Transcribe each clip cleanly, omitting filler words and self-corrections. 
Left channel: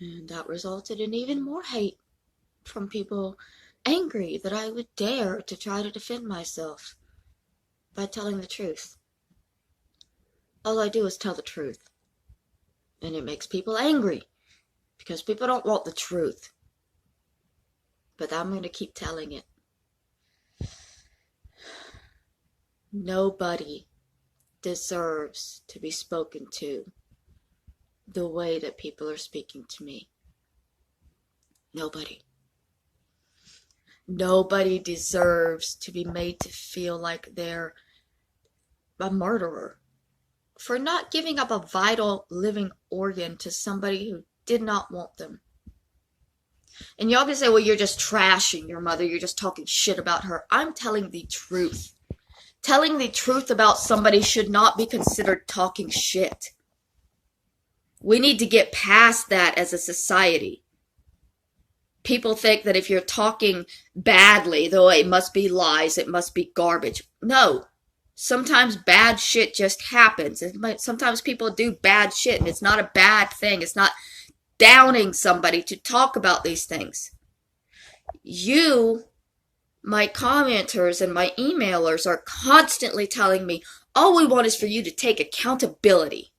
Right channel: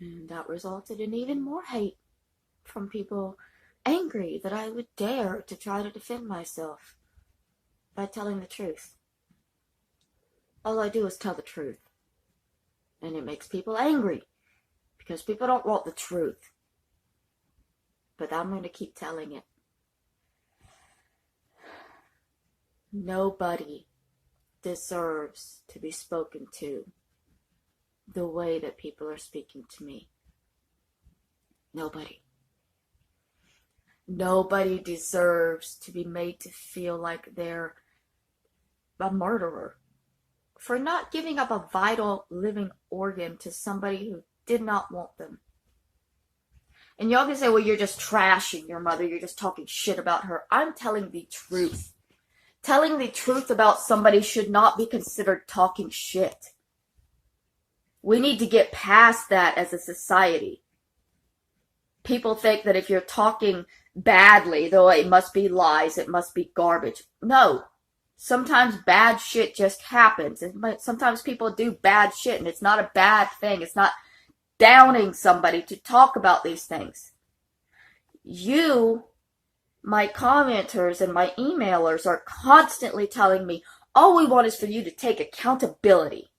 And that resulted in even more hate from people angry that I would dare to try to defend myself by telling the truth. All I do is tell the truth. And it makes people angry because people don't want the truth. But I'm going to keep telling it. Nobody deserves to be spoken to the way that people are speaking to me. Nobody. Nobody deserves to be made to feel like they're a murderer for not giving up a vital living organ to somebody who did not want them. And y'all can say, well, you're just trashing your mother. You're just talking shit about her. I'm telling the truth. Telling the truth about somebody should not be considered talking shit. We need to get past that as a society. People think that if you're talking badly, though, it must be lies, it must be garbage. No. Sometimes bad shit just happens. Sometimes people do bad shit, and it's not a bad thing. It's not downing somebody to talk about these things. You, my commenters and my emailers, are constantly telling me, all we want is for you to take accountability.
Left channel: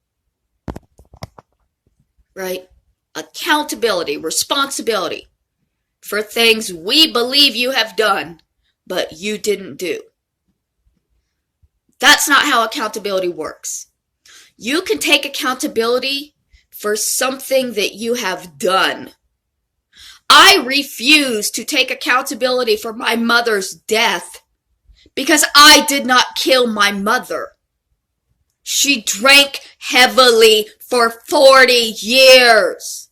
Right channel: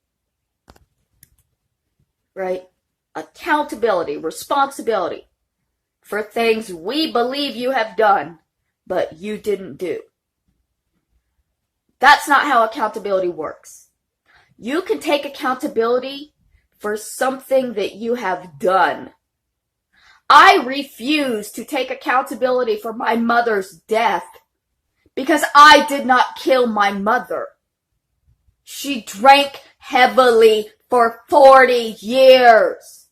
Right? Accountability, responsibility for things we believe you have done, but you didn't do. That's not how accountability works. You can take accountability for something that you have done. I refuse to take accountability for my mother's death because I did not kill my mother. She drank heavily for 40 years.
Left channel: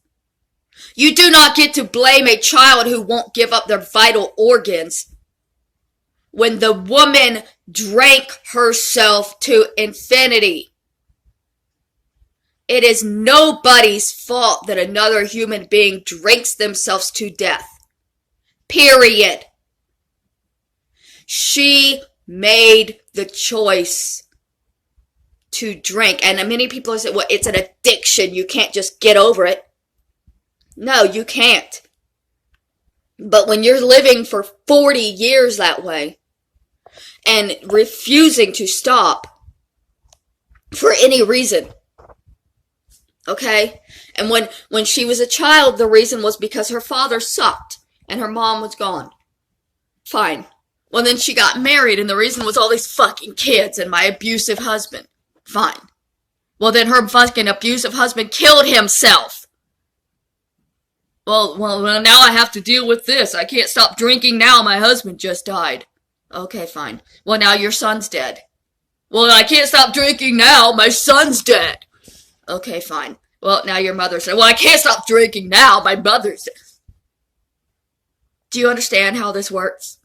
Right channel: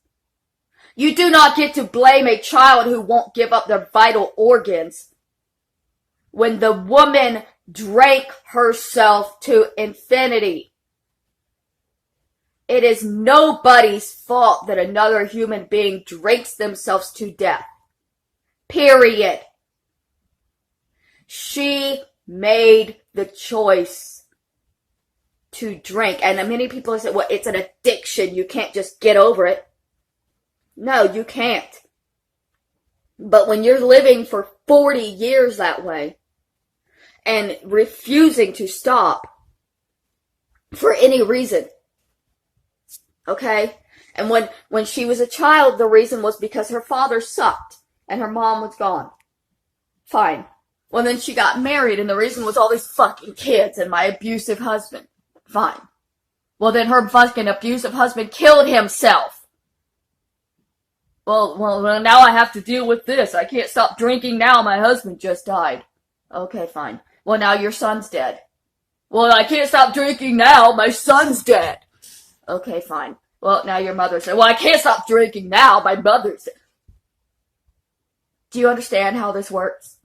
You do not get to blame a child who won't give up their vital organs when the woman drank herself to infinity. It is nobody's fault that another human being drinks themselves to death. Period. She made the choice to drink. And many people say, well, it's an addiction. You can't just get over it. No, you can't. But when you're living for 40 years that way and refusing to stop for any reason, okay? And when she was a child, the reason was because her father sucked and her mom was gone. Fine. Well, then she got married and the reason was all these fucking kids and my abusive husband. Fine. Well, then her fucking abusive husband killed himself. Well, now I have to deal with this. I can't stop drinking now. My husband just died. Okay, fine. Well, now your son's dead. Well, I can't stop drinking now. My son's dead. Okay, fine. Well, now your mother's dead. Well, I can't stop drinking now. My mother's dead. Do you understand how this works?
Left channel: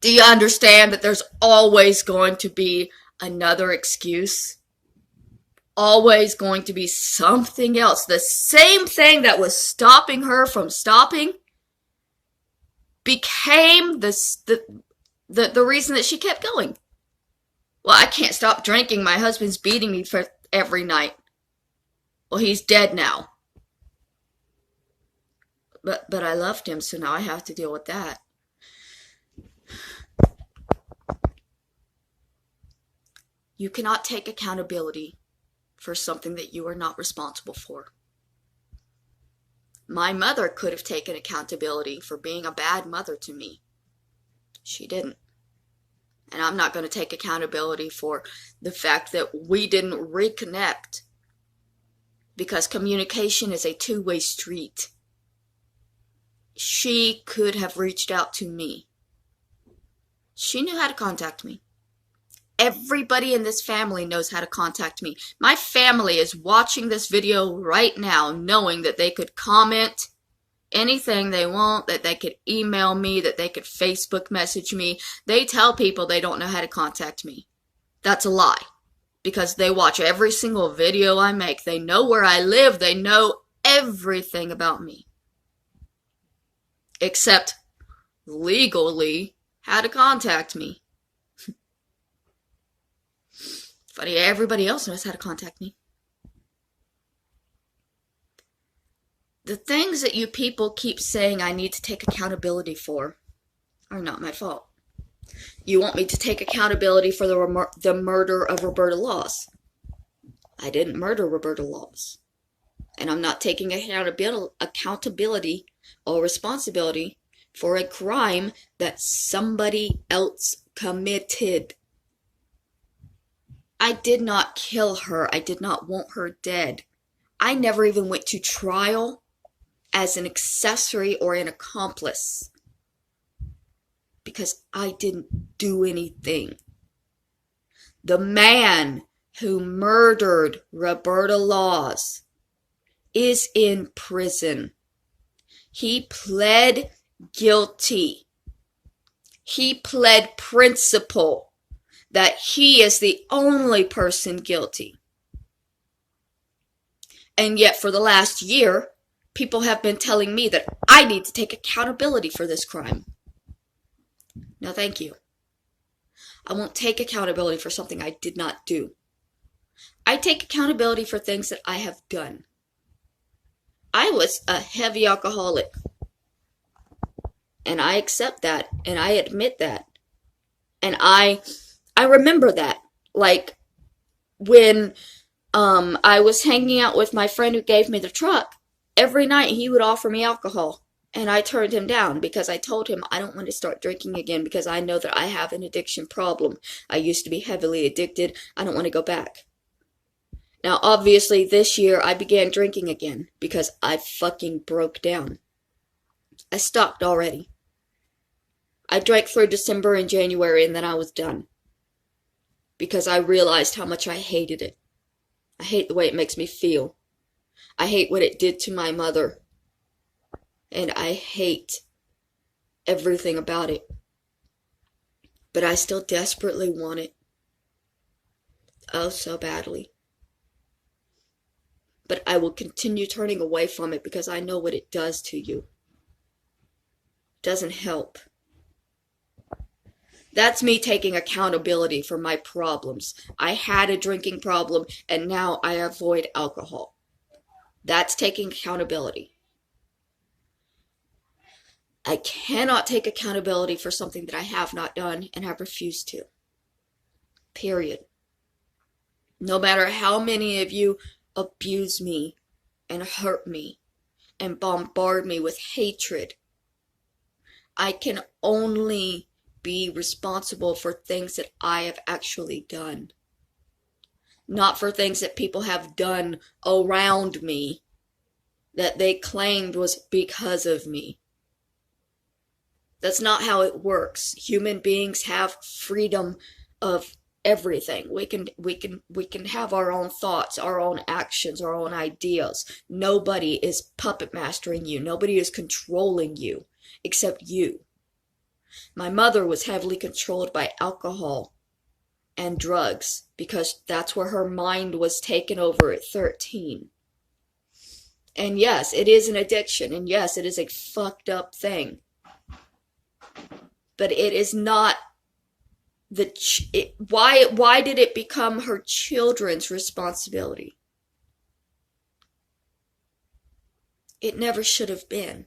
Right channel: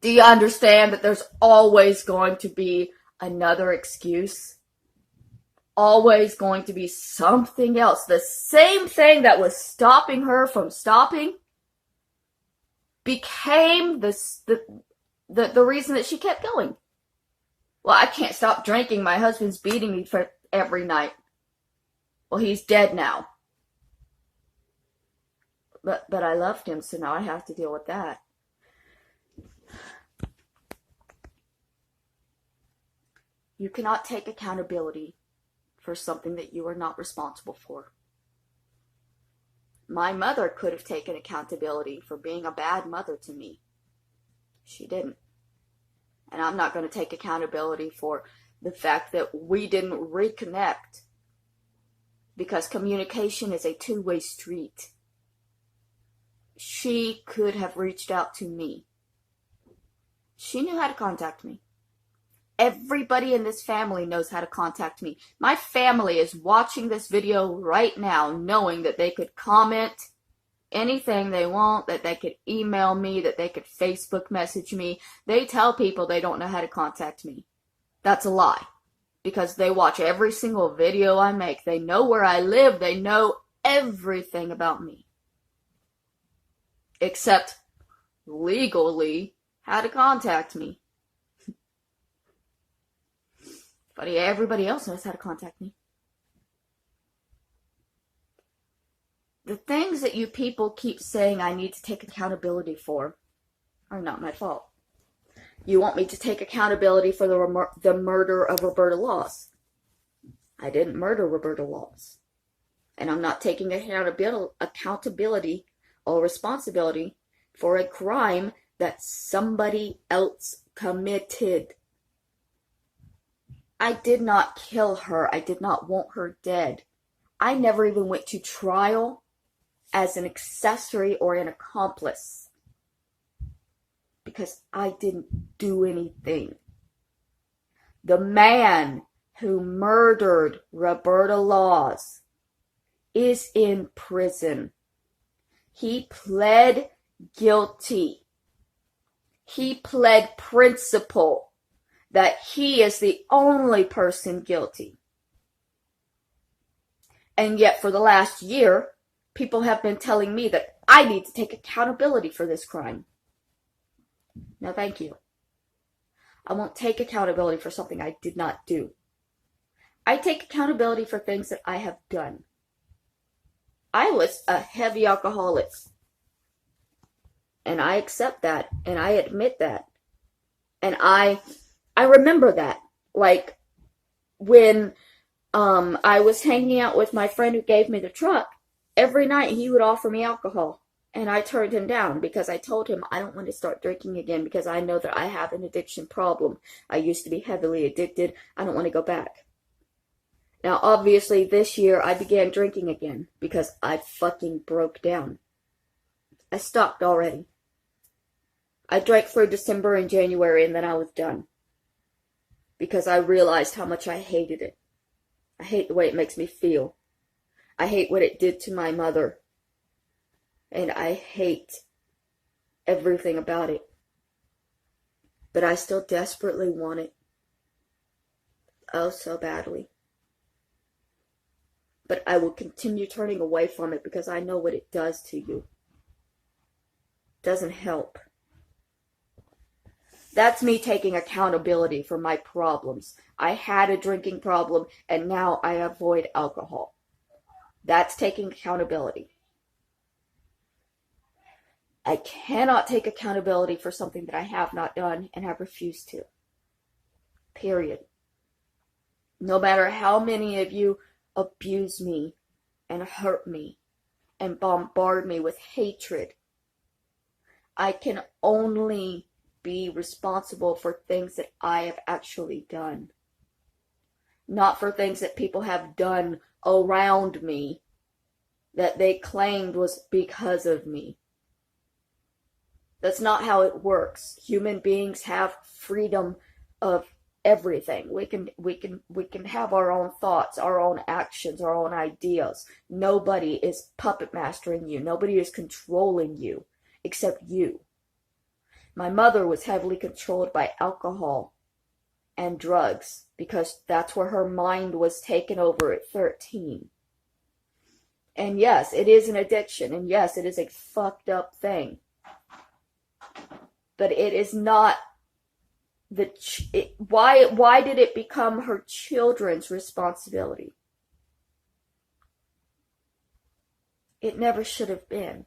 Do you understand that there's always going to be another excuse? Always going to be something else. The same thing that was stopping her from stopping became the reason that she kept going. Well, I can't stop drinking. My husband's beating me for every night. Well, he's dead now. But I loved him, so now I have to deal with that. You cannot take accountability for something that you are not responsible for. My mother could have taken accountability for being a bad mother to me. She didn't. And I'm not going to take accountability for the fact that we didn't reconnect. Because communication is a two-way street. She could have reached out to me. She knew how to contact me. Everybody in this family knows how to contact me. My family is watching this video right now knowing that they could comment anything they want, that they could email me, that they could Facebook message me. They tell people they don't know how to contact me. That's a lie. Because they watch every single video I make. They know where I live. They know everything about me. Except legally how to contact me. Funny, everybody else knows how to contact me. The things that you people keep saying I need to take accountability for are not my fault. You want me to take accountability for the murder of Roberta Laws. I didn't murder Roberta Laws. And I'm not taking accountability or responsibility for a crime that somebody else committed. I did not kill her. I did not want her dead. I never even went to trial as an accessory or an accomplice because I didn't do anything. The man who murdered Roberta Laws is in prison. He pled guilty. He pled principle that he is the only person guilty. And yet for the last year, people have been telling me that I need to take accountability for this crime. No, thank you. I won't take accountability for something I did not do. I take accountability for things that I have done. I was a heavy alcoholic. And I accept that. And I admit that. And I remember that. Like when I was hanging out with my friend who gave me the truck, every night he would offer me alcohol. And I turned him down because I told him I don't want to start drinking again because I know that I have an addiction problem. I used to be heavily addicted. I don't want to go back. Now, obviously, this year I began drinking again because I fucking broke down. I stopped already. I drank through December and January and then I was done. Because I realized how much I hated it. I hate the way it makes me feel. I hate what it did to my mother. And I hate everything about it. But I still desperately want it. Oh, so badly. But I will continue turning away from it because I know what it does to you. It doesn't help. That's me taking accountability for my problems. I had a drinking problem and now I avoid alcohol. That's taking accountability. I cannot take accountability for something that I have not done and have refused to. Period. No matter how many of you abuse me and hurt me and bombard me with hatred, I can only be responsible for things that I have actually done. Not for things that people have done around me that they claimed was because of me. That's not how it works. Human beings have freedom of everything. We can have our own thoughts, our own actions, our own ideas. Nobody is puppet mastering you. Nobody is controlling you except you. My mother was heavily controlled by alcohol and drugs because that's where her mind was taken over at 13. And yes, it is an addiction. And yes, it is a fucked up thing. But it is not why did it become her children's responsibility? It never should have been.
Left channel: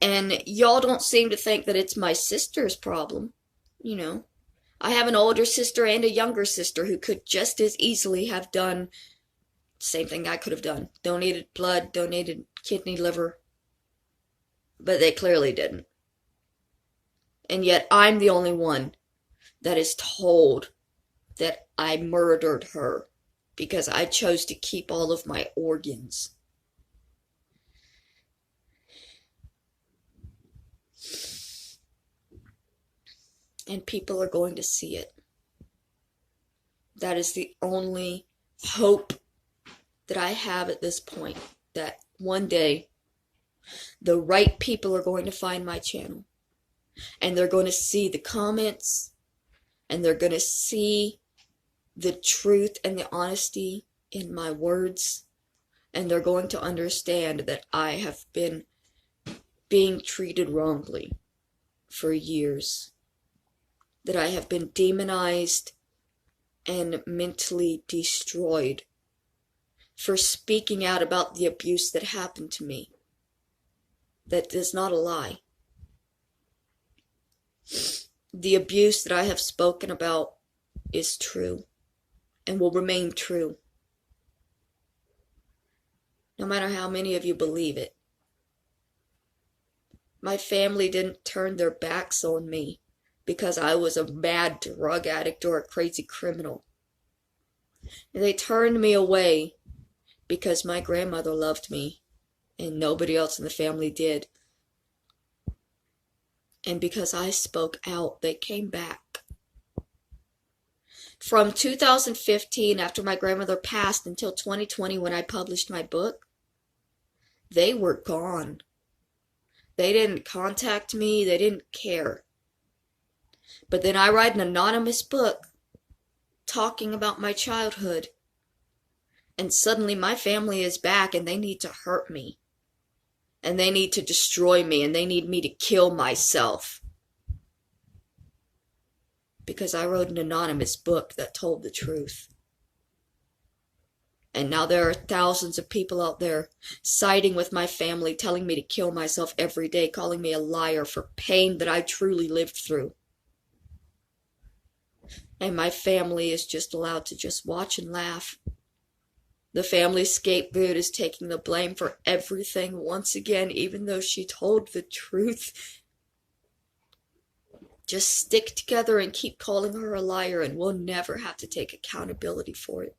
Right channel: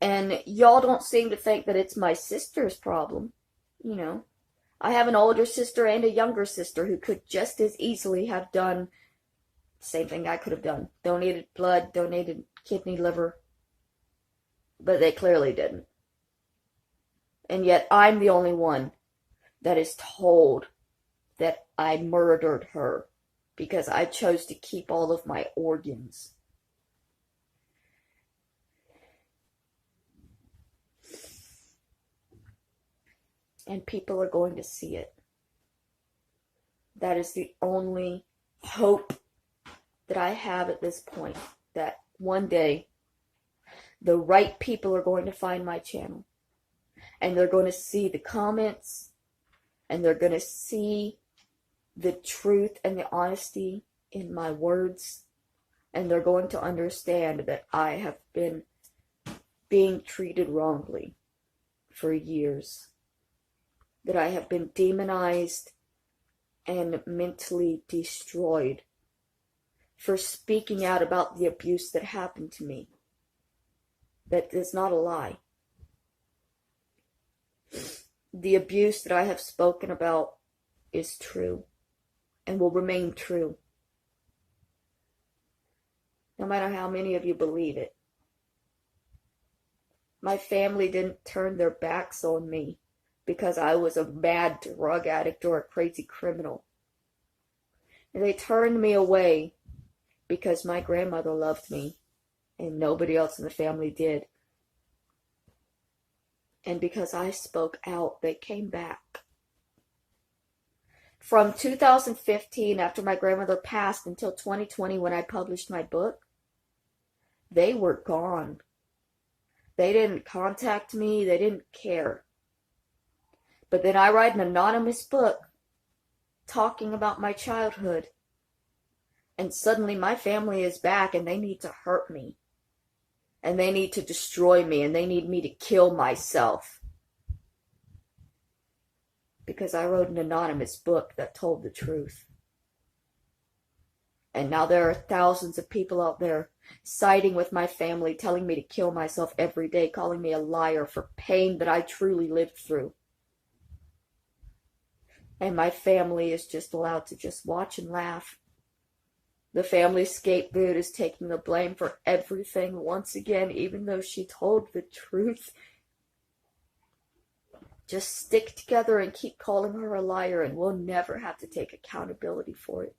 And y'all don't seem to think that it's my sister's problem. You know, I have an older sister and a younger sister who could just as easily have done the same thing I could have done. Donated blood, donated kidney, liver. But they clearly didn't. And yet I'm the only one that is told that I murdered her because I chose to keep all of my organs. And people are going to see it. That is the only hope that I have at this point. That one day, the right people are going to find my channel. And they're going to see the comments. And they're going to see the truth and the honesty in my words. And they're going to understand that I have been being treated wrongly for years. That I have been demonized and mentally destroyed for speaking out about the abuse that happened to me. That is not a lie. The abuse that I have spoken about is true and will remain true, no matter how many of you believe it. My family didn't turn their backs on me because I was a mad drug addict or a crazy criminal. They turned me away because my grandmother loved me and nobody else in the family did. And because I spoke out, they came back. From 2015, after my grandmother passed, until 2020 when I published my book, they were gone. They didn't contact me, they didn't care. But then I write an anonymous book talking about my childhood, and suddenly my family is back and they need to hurt me. And they need to destroy me, and they need me to kill myself. Because I wrote an anonymous book that told the truth. And now there are thousands of people out there siding with my family, telling me to kill myself every day, calling me a liar for pain that I truly lived through. And my family is just allowed to just watch and laugh. The family scapegoat is taking the blame for everything once again, even though she told the truth. Just stick together and keep calling her a liar, and we'll never have to take accountability for it.